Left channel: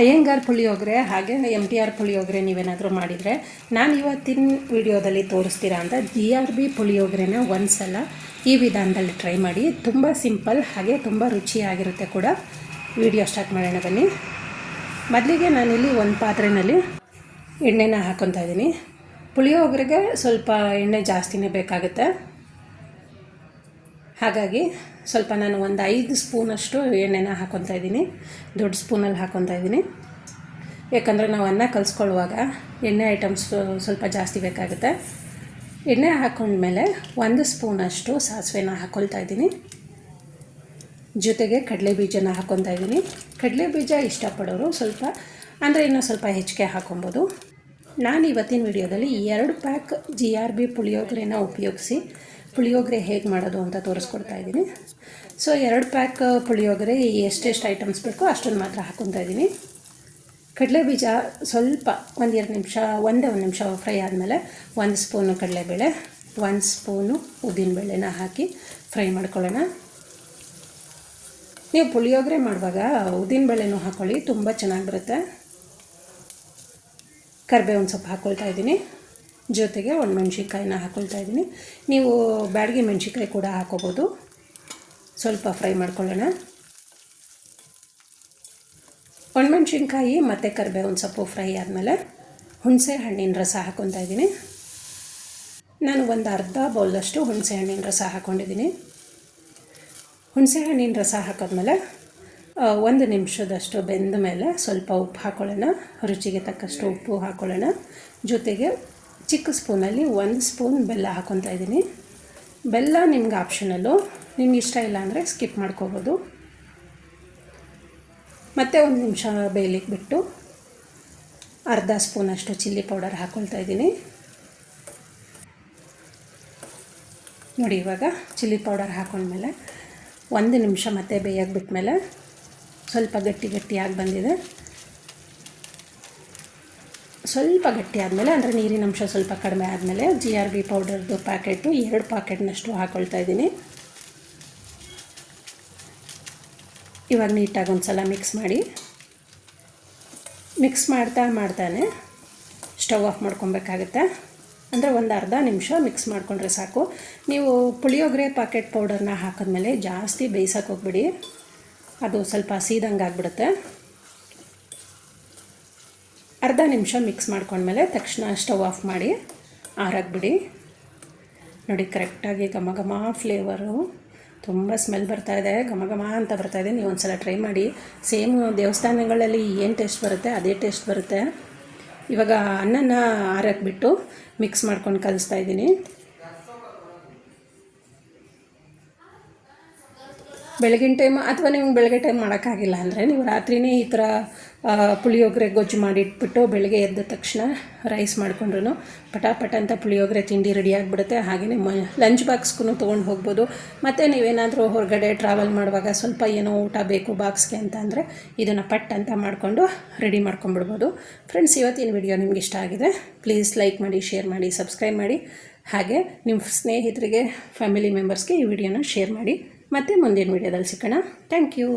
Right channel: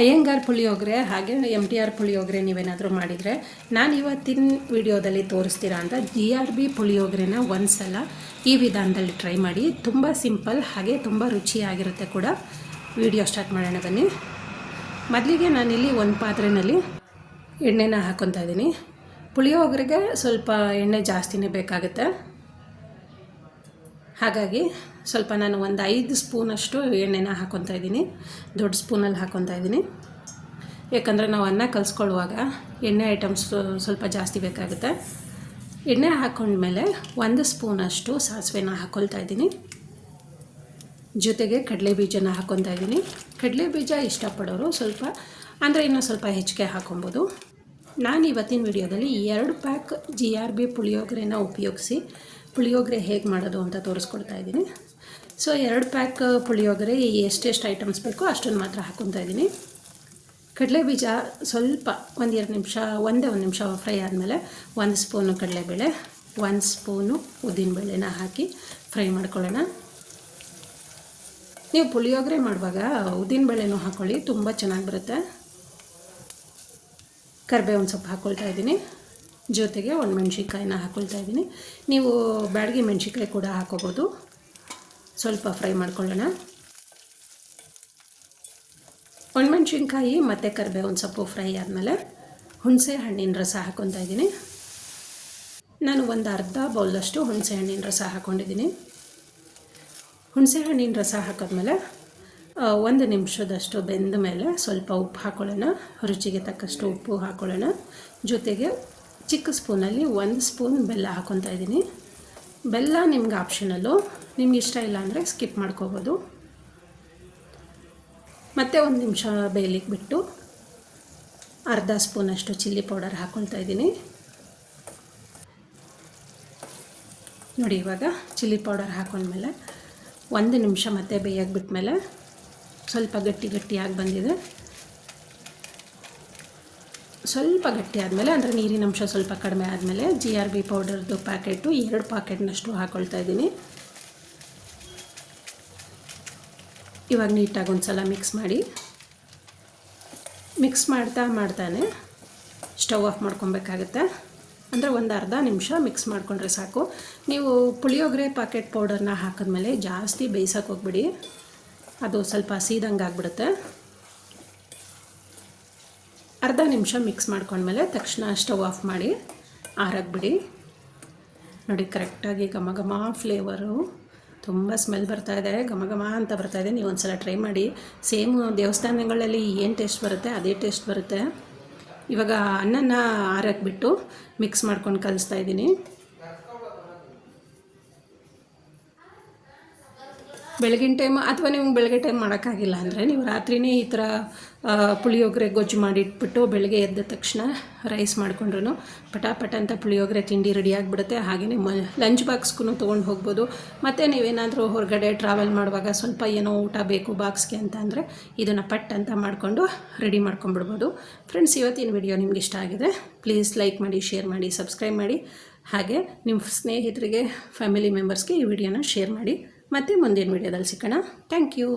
ಅಯ್ಯಂಗಾರ್ ಪುಳಿಯೋಗರೆ ಹಾಗೆ MTR ಪುಳಿಯೋಗರೆ ನೀವೇನಾದರೂ ಮಾಡಿದರೆ ನಾನು ಇವತ್ತಿನ ವಿಡಿಯೋದಲ್ಲಿ ತೋರಿಸ್ತೀರಾ ಅಂತ GRB ಪುಳಿಯೋಗರೆನ ಒಂದು ಸಲ ಈ ವಿಧಾನದಲ್ಲಿ ಟ್ರೈ ಮಾಡಿ. ತುಂಬ ಸಿಂಪಲ್ ಹಾಗೆ ತುಂಬ ರುಚಿಯಾಗಿರುತ್ತೆ ಕೂಡ. ವಿಡಿಯೋ ಸ್ಟಾರ್ಟ್ ಮಾಡೋಣ ಬನ್ನಿ. ಮೊದಲಿಗೆ ನಾನಿಲ್ಲಿ ಒಂದು ಪಾತ್ರೆಯಲ್ಲಿ ಎಣ್ಣೆನ ಹಾಕ್ಕೊತಾ ಇದ್ದೀನಿ. ಪುಳಿಯೋಗರೆಗೆ ಸ್ವಲ್ಪ ಎಣ್ಣೆ ಜಾಸ್ತಿನೇ ಬೇಕಾಗುತ್ತೆ, ಹಾಗಾಗಿ ಸ್ವಲ್ಪ ನಾನು ಒಂದು 5 ಸ್ಪೂನಷ್ಟು ಎಣ್ಣೆನ ಹಾಕ್ಕೊತಾ ಇದ್ದೀನಿ. ದೊಡ್ಡ ಸ್ಪೂನಲ್ಲಿ ಹಾಕ್ಕೊತಾ ಇದ್ದೀನಿ, ಯಾಕಂದರೆ ನಾವು ಅನ್ನ ಕಲಿಸ್ಕೊಳ್ಳುವಾಗ ಎಣ್ಣೆ ಐಟಮ್ಸ್ ಸ್ವಲ್ಪ ಜಾಸ್ತಿ ಬೇಕಾಗುತ್ತೆ. ಎಣ್ಣೆ ಹಾಕ್ಕೊಂಡ್ಮೇಲೆ 1 ಸ್ಪೂನಷ್ಟು ಸಾಸಿವೆನ ಹಾಕ್ಕೊಳ್ತಾ ಇದ್ದೀನಿ. ಜೊತೆಗೆ ಕಡಲೆ ಬೀಜನ ಹಾಕ್ಕೊತಾ ಇದ್ದೀನಿ. ಕಡಲೆ ಬೀಜ ಇಷ್ಟಪಡೋರು ಸ್ವಲ್ಪ ಅಂದರೆ ಇನ್ನೂ ಸ್ವಲ್ಪ ಹೆಚ್ಚಿಗೆ ಹಾಕ್ಕೊಬೋದು. ನಾನು ಇವತ್ತಿನ ವಿಡಿಯೋದಲ್ಲಿ 2 ಪ್ಯಾಕ್ GRB ಪುಳಿಯೋಗರೆನ ಉಪಯೋಗಿಸಿ ಪುಳಿಯೋಗರೆ ಹೇಗೆ ಮಾಡೋದು ಅಂತ ತೋರಿಸ್ಕೊಡ್ತಾ ಇದ್ದೀನಿ. ಸೊ 2 ಪ್ಯಾಕ್ ಪುಳಿಯೋಗರೆ ಎಷ್ಟೆಷ್ಟು ಐಟಮ್ಸ್ ಬೇಕೋ ಅಷ್ಟನ್ನು ಮಾತ್ರ ಹಾಕ್ಕೊತಾ ಇದ್ದೀನಿ. ಕಡಲೆ ಬೀಜ ಸ್ವಲ್ಪ ಒಂದು ನಿಮಿಷ ಫ್ರೈ ಆದಮೇಲೆ 1 ಸ್ಪೂನು ಕಡಲೆಬೇಳೆ, 1 ಸ್ಪೂನು ಉದ್ದಿನಬೇಳೆನ ಹಾಕಿ ಫ್ರೈ ಮಾಡ್ಕೊಳ್ಳೋಣ. ನೀವು ಪುಳಿಯೋಗರೆ ಮಾಡುವಾಗ ಉದ್ದಿನಬೇಳೆನೂ ಹಾಕ್ಕೊಳ್ಳಿ, ತುಂಬ ಚೆನ್ನಾಗಿ ಬರುತ್ತೆ. ಕರಿಬೇವಿನ ಸೊಪ್ಪು ಹಾಕ್ಕೊಳ್ತಾ ಇದ್ದೀನಿ. ಜೊತೆಗೆ ಒಣಮೆಣ್ಸಿನ್ಕಾಯಿನ ಹಾಕ್ಕೊಳ್ತಾ ಇದ್ದೀನಿ. ನೀವು ಬ್ಯಾಡಗಿ ಮೆಣಸಿನ್ಕಾಯಿ ಕೂಡ ಹಾಕ್ಕೋಬೋದು. ಸ್ವಲ್ಪ ಫ್ರೈ ಮಾಡ್ಕೊಳ್ಳೋಣ. ಒಣಮೆಣ್ಸಿನ್ಕಾಯಿ ಮತ್ತು ಕರಿಬೇವಿನ ಸೊಪ್ಪು ಫ್ರೈ ಆದಮೇಲೆ ಹುಣಸೆ ಹಣ್ಣಿನ ರಸ ಹಾಕ್ಕೊತಾ ಇದ್ದೀನಿ. ನಾನು ಒಂದು ಅರ್ಧ ಬೌಲಷ್ಟು ಹುಣಸೆ ಹಣ್ಣಿನ ರಸ ಹಾಕ್ಕೊಂಡಿದ್ದೀನಿ. ಹುಣಸೆ ಹಣ್ಣಿನ ರಸ ಹಾಕಿದ್ಮೇಲೆ 1 ನಿಮಿಷದಷ್ಟು ಬೆಂದ ಮೇಲೆ ಸ್ವಲ್ಪ ಉಪ್ಪು ಹಾಕ್ಕೊಳ್ಳೋಣ. ರುಚಿಗೆ ತಕ್ಕಷ್ಟು ಉಪ್ಪು ಹಾಕ್ಕೊಳ್ಳೋಣ. ಜೊತೆಗೆ ಚಿಕ್ಕ ಸ್ಪೂನಲ್ಲಿ 1 ಸ್ಪೂನ್ ಬೆಲ್ಲ ಹಾಕ್ಕೊತಾ ಇದ್ದೀನಿ. ಬೆಲ್ಲ ನಿಮ್ಗೆ ಆಪ್ಷನಲ್ಲು, ನಿಮ್ಗೆ ಇಷ್ಟ ಇಲ್ಲ ಅಂದರೆ ಸ್ಕಿಪ್ ಮಾಡ್ಕೋಬೋದು. ಮತ್ತು 1 ನಿಮಿಷ ಬೇಯಲಿಕ್ಕೆ ಬಿಟ್ಟು ಅರ್ಧ ಸ್ಪೂನಷ್ಟು ಚಿಲ್ಲಿ ಪೌಡರ್ ಹಾಕ್ಕೊಳ್ತಾ ಇದ್ದೀನಿ. ನೋಡಿ, ಇವಾಗ ಚಿಲ್ಲಿ ಪೌಡರ್ ಹಾಕ್ಕೊಂಡ್ಮೇಲೆ 1 ನಿಮಿಷ ಮತ್ತೆ ಬೇಯಕ್ಕೆ ಬಿಟ್ಮೇಲೆ ಸ್ವಲ್ಪ ಗಟ್ಟಿಯಾಗಿ ಬಂದಿದೆ. ಸ್ವಲ್ಪ ಗಟ್ಟಿ ಆದಮೇಲೆ ಅಂದರೆ ನೀರಿನ ಅಂಶ ಸ್ವಲ್ಪ ಕಡಿಮೆ ಆದಮೇಲೆ GRB ಪೌಡರ್ದು ಪ್ಯಾಕೆಟು 2 ಪ್ಯಾಕೆಟ್ನಷ್ಟು ಹಾಕ್ಕೊಳ್ತಾ ಇದ್ದೀನಿ. ಇವಾಗ ನೀಟಾಗಿ ಒಂದು ಸಲ ಮಿಕ್ಸ್ ಮಾಡ್ತಾನೆ ಸ್ಟವ್ ಆಫ್ ಮಾಡ್ಕೊಬೇಕಾಗುತ್ತೆ. ಅಂದರೆ ಒಂದು ಅರ್ಧ ನಿಮಿಷ ಮಿಕ್ಸ್ ಮಾಡಿಕೊಂಡ್ರೆ ಸಾಕು. ನೀವು ಪುಳಿಯೋಗರೆ ಪ್ಯಾಕೆಟ್ ಪೌಡರ್ನ ಹಾಕಿದ್ಮೇಲೆ ಜಾಸ್ತಿ ಬೇಯಿಸೋಕೆ ಹೋಗ್ಬಿಡಿ, ಅದು ಸ್ವಲ್ಪ ಸೀದಂಗೆ ಆಗಿಬಿಡುತ್ತೆ. ಅರ್ಧ ನಿಮಿಷ ಮಿಕ್ಸ್ ಮಾಡ್ಕೊಂಡ್ಮೇಲೆ ತಕ್ಷಣ ಸ್ಟವ್ ಆಫ್ ಮಾಡಿ ಆರಾಕ್ಬಿಡಿ. ನೋಡಿ, ಕರೆಕ್ಟಾಗಿ ಘಮ ಫ್ಲೇವರು, ತುಂಬ ಸ್ಮೆಲ್ ಬರ್ತಾಯಿದೆ, ಘಮ ಅಂತ ಬರ್ತಾಯಿದೆ. ನೀವು ಒಂದು ಸಲ ಟ್ರೈ ಮಾಡಿ. ಸೇಮ್ ದೇವಸ್ಥಾನಗಳಲ್ಲಿ ಏನು ಟೇಸ್ಟ್ ಬರುತ್ತೆ ಅದೇ ಟೇಸ್ಟ್ ಬರುತ್ತೆ. ಇವಾಗ ಅನ್ನನ ಆರಾಕ್ಬಿಟ್ಟು ಮಿಕ್ಸ್ ಮಾಡ್ಕೊಂಡು ಕಲಿಸ್ತಾ ಇದ್ದೀನಿ. ಬೆಳಗಿನ ಟೈಮ್ ಅಥವಾ ನಿಮ್ಗೆ ಬೆಳಗ್ಗೆ ಟೈಮ್ ಮಾಡೋಕ್ಕಾಗಿಲ್ಲ ಅಂದರೆ ನೀವು ರಾತ್ರಿಯೇ ಈ ಥರ ಪುಳಿಯೋಗರೆ ಗೊಜ್ಜು ಮಾಡಿಟ್ಬಿಟ್ಟು ಬೆಳಗ್ಗೆ ಎದ್ದ ತಕ್ಷಣ ರೈಸ್ ಮಾಡಿಕೊಂಡ್ರು ಪಟ ಅಂತ ಪುಳಿಯೋಗರೆ ತಿಂಡಿ ರೆಡಿ ಆಗಿಬಿಡುತ್ತೆ. ಹಾಗೆಯೇ ಲಂಚ್ ಬಾಕ್ಸ್ಗೂ ತೊಗೊಂಡು ಹೋಗ್ಬೋದು. ಮತ್ತು ನೀವೇನಾದರೂ ಹೊರಗಡೆ ಟ್ರಾವೆಲ್ ಮಾಡುವಾಗ ಸ್ವಲ್ಪ ಏನೋ ಊಟ ಬೇಕು ಬಾಕ್ಸ್ಗೆ ಅಂತ ಅಂದರೆ ಇದನ್ನು ಪಟ್ ಅಂತ ಮಾಡಿಕೊಂಡು ರೆಡಿ ಮಾಡ್ಕೊಂಬಿಡ್ಬೋದು. ಫ್ರೆಂಡ್ಸ್, ಇವತ್ತಿನ ವಿಡಿಯೋ ನಿಮ್ಗೆ ಇಷ್ಟ ಆಗಿದೆ, ಪ್ಲೀಸ್ ಲೈಕ್ ಮಾಡಿ, ಶೇರ್ ಮಾಡಿ, ಸಬ್ಸ್ಕ್ರೈಬ್ ಮಾಡಿ. ಹಾಗೆ ನಿಮ್ಮ ಸ್ನೇಹಿತರಿಗೆ, ಫ್ಯಾಮಿಲಿ ಮೆಂಬರ್ಸ್ಗೆ ಈ ವಿಡಿಯೋನ ಶೇರ್ ಮಾಡಿ. ಮತ್ತೆ ಮುಂದಿನ ವಿಡಿಯೋದಲ್ಲಿ ಸಿಗೋಣ. Thank you.